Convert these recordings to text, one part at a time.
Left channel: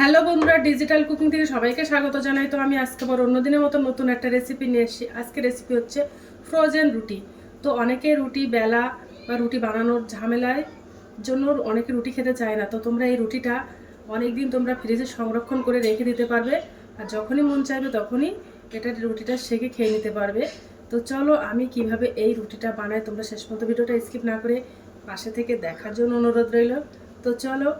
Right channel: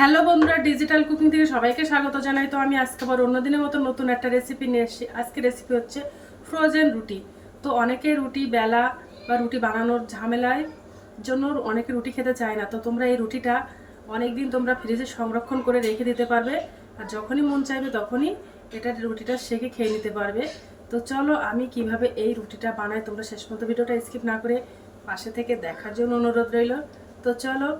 Hello বন্ধুরা, digital cooking থেকে সবাইকে স্বাগত জানাই। তো আমি আজকে আবার অন্যদিনের মতো নতুন একটা রেসিপি নিয়ে এসেছি। আজকে রেসিপি হচ্ছে ফ্রোজেন রুটি। তো অনেকে রুটি বেলা বা রুটি বানানোর ঝামেলায় জন্য অনেকে রুটি খেতে চায় না। তো তোমরা এই রুটিটা অনেক দিন তোমরা ফ্রিজে সংরক্ষণ করে রেখে দিতে পারবে, আর যখনই মন চাইবে তখনই রুটিটা সেকে খেয়ে নিতে পারবে। তো চলো আমি কিভাবে এই রুটিটা বানাই, তোমরা শেষ পর্যন্ত ভিডিওটা স্কিপ না করে পাশে থেকে দেখার জন্য অনুরোধ রইল। তো চলো।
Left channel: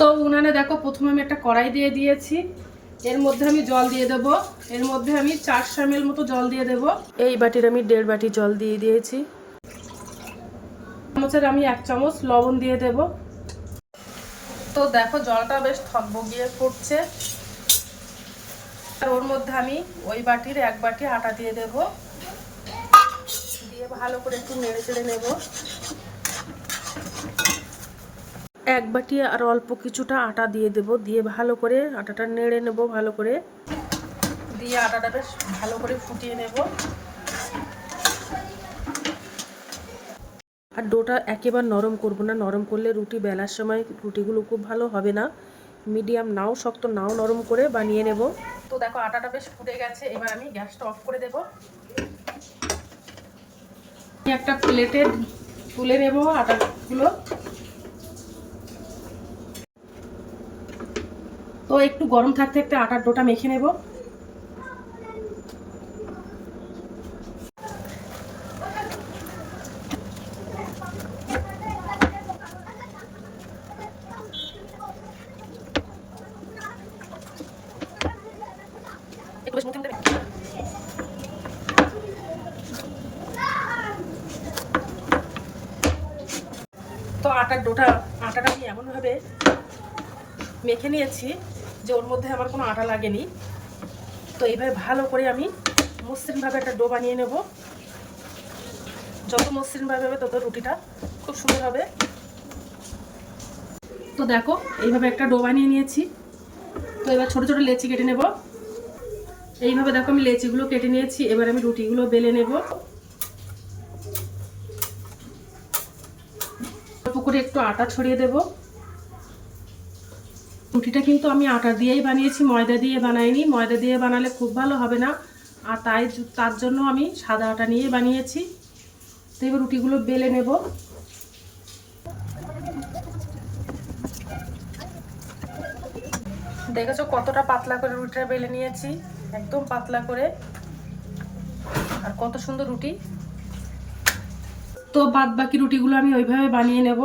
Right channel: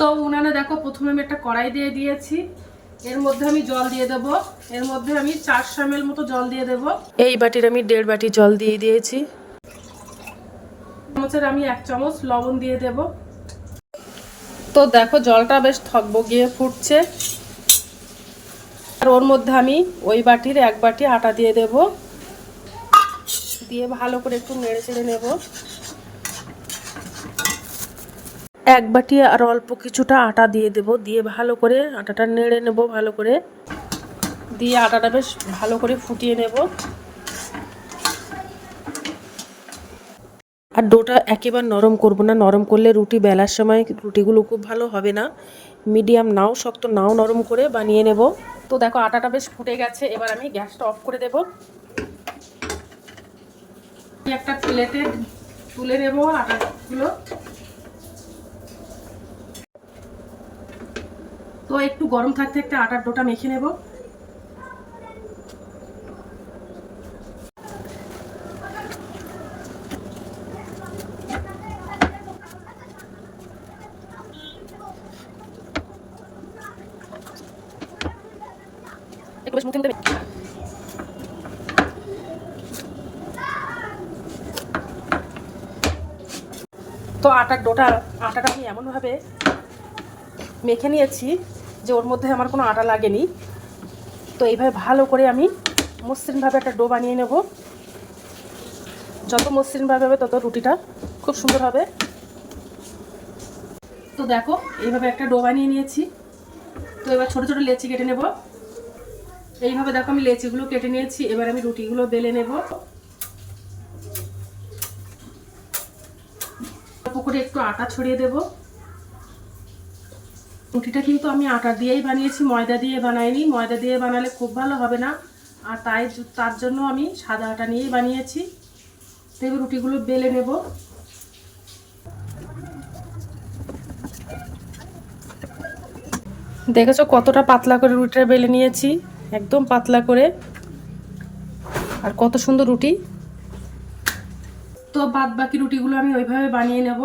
তো উনানে দেখো, প্রথমে আমি একটা কড়াই দিয়ে দিয়েছি, এর মধ্যে আমি জল দিয়ে দেব। এর মধ্যে আমি 400 ml মতো জল দিয়ে দেব। এই বাটির আমি 1.5 বাটি জল দিয়ে দিয়েছি। চামচের আমি 1 চামচ লবণ দিয়ে দেব। তো দেখো জলটা বেশ থকবগিয়ে ফুটছে, আর ওর মধ্যে আমি ওই বাটির 1 বাটি আটা দিয়ে দেব। দিয়ে ভালো করে একটু নেড়ে চেড়ে নেব। 1 বাটি আর অল্প কিছুটা আটা দিয়ে দেব। দিয়ে ভালো করে আটাটা নেড়ে নেব, ভালো করে দিয়ে আটাটা বেশ ভালো করে ফুটিয়ে নেব। আর ডোটা একেবারে নরম করব না, নরম করলে রুটি বেলার সময় রুটিগুলো খুব ভালো হবে না। মিডিয়াম নাও শক্ত নাও নরম করে বানিয়ে নেব। তো দেখো আটাটা বেশ ফুটে গেছে, এবার আমি গ্যাসটা অফ করে দেব। একটা প্লেটে তুলে নেব আটাগুলো। তো একটু গরম থাকতে থাকতে আটার ডোটা মেখে নেব। একটু বেশ মুখে দেবে। তো আটাটা আমি এমনভাবে মেখে নিয়েছি যে ওর মধ্যে আমার কোনো আটা লাগেনি। তো এইভাবে ভালো করে আমি মসৃণভাবে একটা ডো বানিয়ে নেব। যত মসৃণভাবে হবে তত রুটিটা খুব সুন্দর হবে। তো দেখো এইভাবে একটা ডো বানিয়ে নিয়েছি। তো এবার ছোট ছোট লেচি কেটে নেব। এইভাবে দেখো আমি লেচিগুলো কেটে নিয়েছি। এবার আমি রুটিগুলো বেলে নেব। অল্প করে একটু আটা ছড়িয়ে দেব। রুটিটা কিন্তু আমি আটা দিয়েই বানিয়েছি, ময়দা দিয়ে বানাইনি। ময়দা দিয়ে বানালে খুব ভালো হবে না, আর তার জন্য আমি সাদা আটা নিয়েই বানিয়েছি। তো এবার রুটিগুলো বেলে নেব। দেখেছো কতটা পাতলা করে রুটিটা বেলে নিয়েছি, একদম পাতলা করে। আর কত সুন্দর রুটি। তো বাদ বাকি রুটিগুলো আমি ওইভাবে বানিয়ে নেব।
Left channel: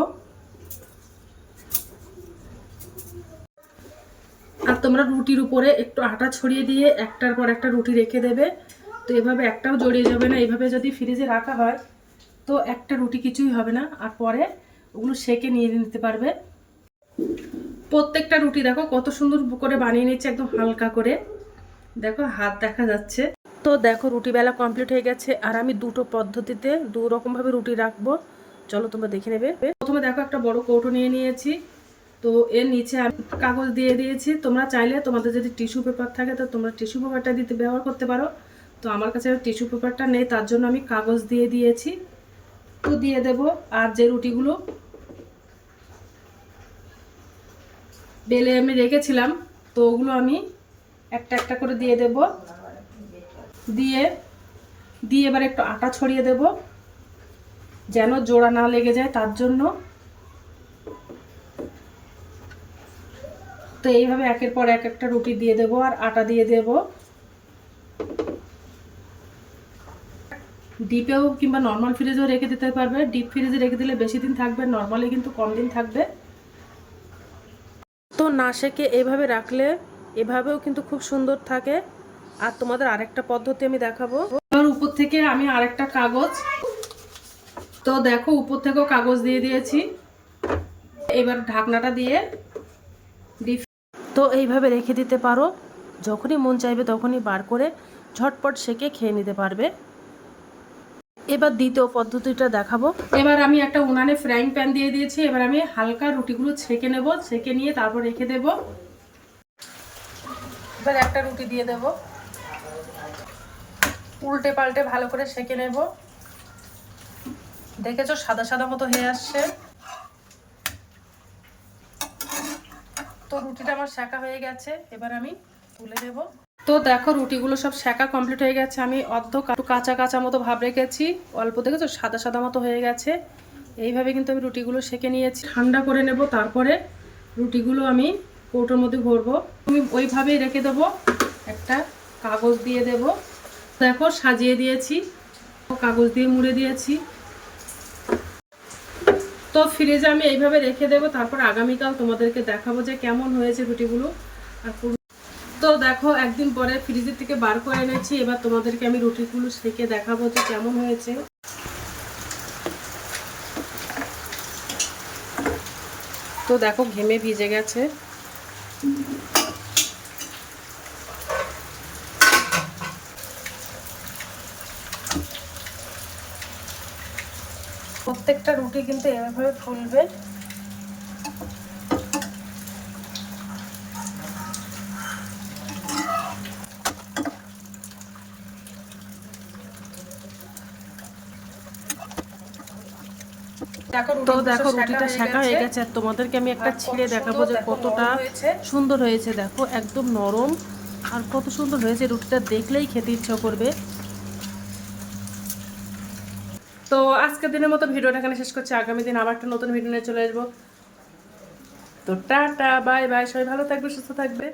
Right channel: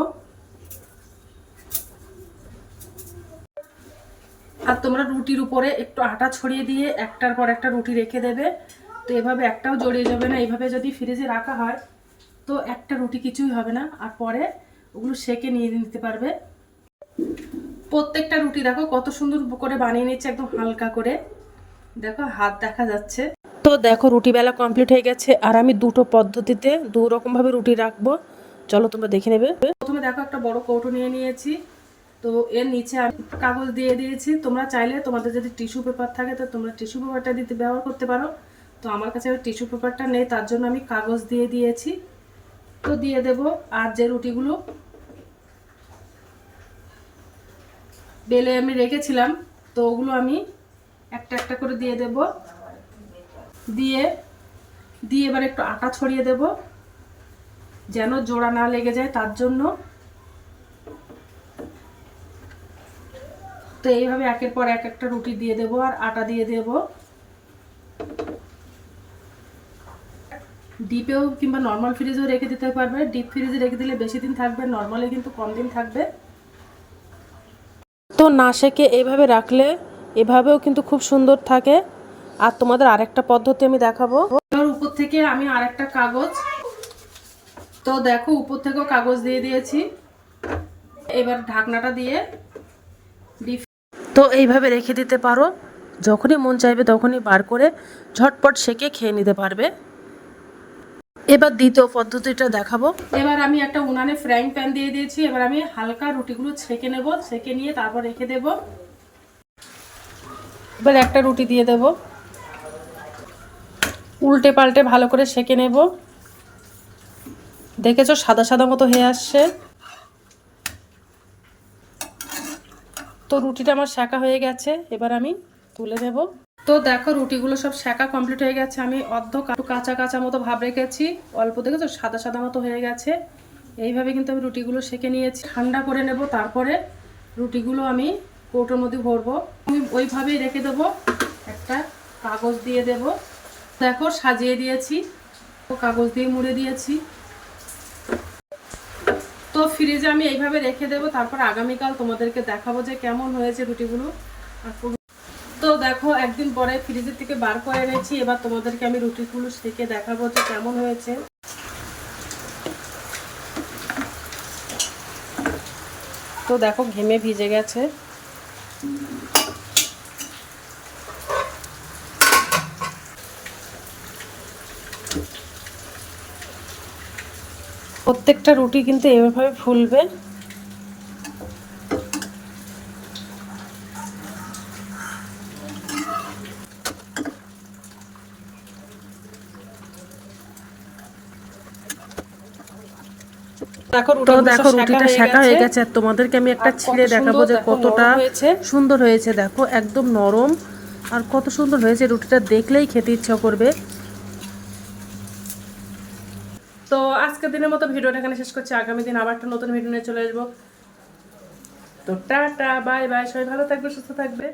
আর তোমরা রুটির উপরে একটু আটা ছড়িয়ে দিয়ে একটার পর একটা রুটি রেখে দেবে। তো এভাবে একটাও জড়িয়ে যাবে না। এইভাবে যদি ফ্রিজে রাখা হয় তো একটা রুটি কিছুই হবে না, আর পরে ওগুলো সেকে নিয়ে নিতে পারবে। প্রত্যেকটা রুটি দেখো কত সুন্দর করে বানিয়ে নিচ্ছে, একদম হালকা করে। দেখো হাত দেখা যাচ্ছে। তো দেখো রুটি বেলা কমপ্লিট হয়ে গেছে, আর আমি দুটো পদ্ধতিতে দু রকমভাবে রুটি রাখবো। চলো তোমরা দেখে নেবে। প্রথমে দেখো একটা বড় কৌটো নিয়ে নিয়েছি। তো এর নিচে আমি কাগজ দিয়ে দিয়েছি। তোমরা চাইলে তোমাদের যদি টিস্যু পেপার থাকে তো তোমরা টিস্যু পেপারটা দিতে ব্যবহার করতে পারো। তো আমার কাছে টিস্যু পেপারটা নেই, তার জন্য আমি কাগজ দিয়ে দিয়েছি। তো দিয়ে দেব। আর যে রুটিগুলো বেলে আমি রেখেছিলাম তো ওগুলো আমি একটা একটা করে দিয়ে দেব। দিয়ে দিয়ে এবার একটু আটা ছড়িয়ে দেব যেন জোড়া না লেগে যায়, তার জন্য। তো এইভাবে একের পর এক একটা রুটি দিয়ে দেব আর আটা দিয়ে দেব। ডিপেও কিংবা নর্মাল ফ্রিজেও রেখে দিতে পারবে। ডিপ ফ্রিজে রেখে দিলে বেশি দিন থাকবে, নর্মালে কিন্তু কম দিন থাকবে। তো না সেকে এইভাবে রাখলে এভাবেও কিন্তু খুব সুন্দর থাকে। আর তোমাদের আরেকটা পদ্ধতি আমি দেখাবো। এবার উপর থেকে আমি আরেকটা কাগজ, তো দেখো উপর থেকেও কাগজ দিয়ে দিয়েছি। এবার ঢাকনাটা দিয়ে ডিপ, তো এইভাবে রেখে দিতে পারো। যখনই মন চাইবে তখনই বার করে ঝটপট সেকে খেয়ে নিতে পারবে। এবার দ্বিতীয় পদ্ধতিটা দেখাবো। এবার আমি একটা উনানে ফ্রাইং প্যান দিয়ে দিয়েছি। এবার আমি হালকা রুটিগুলো ছেঁকে নেব। ছেঁকে নিয়ে তারপর রেখে দেব। এবার একটা রুটি দিয়ে দেব, উল্টে পাল্টে ভালো করে সেঁকে নেব। দেখেছো সাদা সাদা মতো হয়ে আসছে। তো রুটিটা আমার সেঁকা হয়ে গেছে, এবার আমি তুলে দেব। তো দেখো রুটিগুলো সব সেঁকা কমপ্লিট হয়ে গেছে। আমি অর্ধ কাঁচা কাঁচা মতো ভাব রেখেছি, অল্প দেখেছো সাদা সাদা মতো হয়ে গেছে। এইভাবে কিন্তু আমি রুটিগুলো সেঁকে নিয়েছি। ঠান্ডা করে নেব, তারপরে রুটিগুলো আমি কৌটোর মধ্যে ভরবো। আমি ওইভাবেই রেখে দেবো, একটা কাগজ দিয়ে দেব। দেখো সাজিয়ে দিয়েছি, কাগজ দিয়ে মুড়ে দিয়েছি। তো ফ্রিজে আমি এইভাবে রেখে দেবো, তারপর আগামীকাল তোমাদেরকে দেখাবো যে কেমন হয়েছে রুটিগুলো। আর তো দেখো একদিন পরে ফ্রিজের থেকে বার করে এনেছি, এবার তোমাদেরকে আমি রুটিগুলো সেঁকে দেখাবো যে কেমন হয়েছে। তো দেখো ঘেমে ভিজে গেছে। প্রত্যেকটা রুটি কিন্তু এইভাবে ফুলবে। তো দেখো রুটিটা সেঁকা হয়ে গেছে, আর তোমাদেরকে আমি একটা ছিঁড়ে দেখাবো যে কতটা সুন্দর হয়েছে। দেখো একদম নরম, আর কত সুন্দর হয়েছে, রুটিটা দেখলেই খেতে ইচ্ছা করবে। তো আজকের দিনের মতো ভিডিওটা এখানে শেষ করছি। আগামী দিন আবার একটা নতুন ভিডিও নিয়ে চলে আসবো। তো টাটা, বাই বাই, সবাই ভালো থাকবে, সুস্থ থাকবে।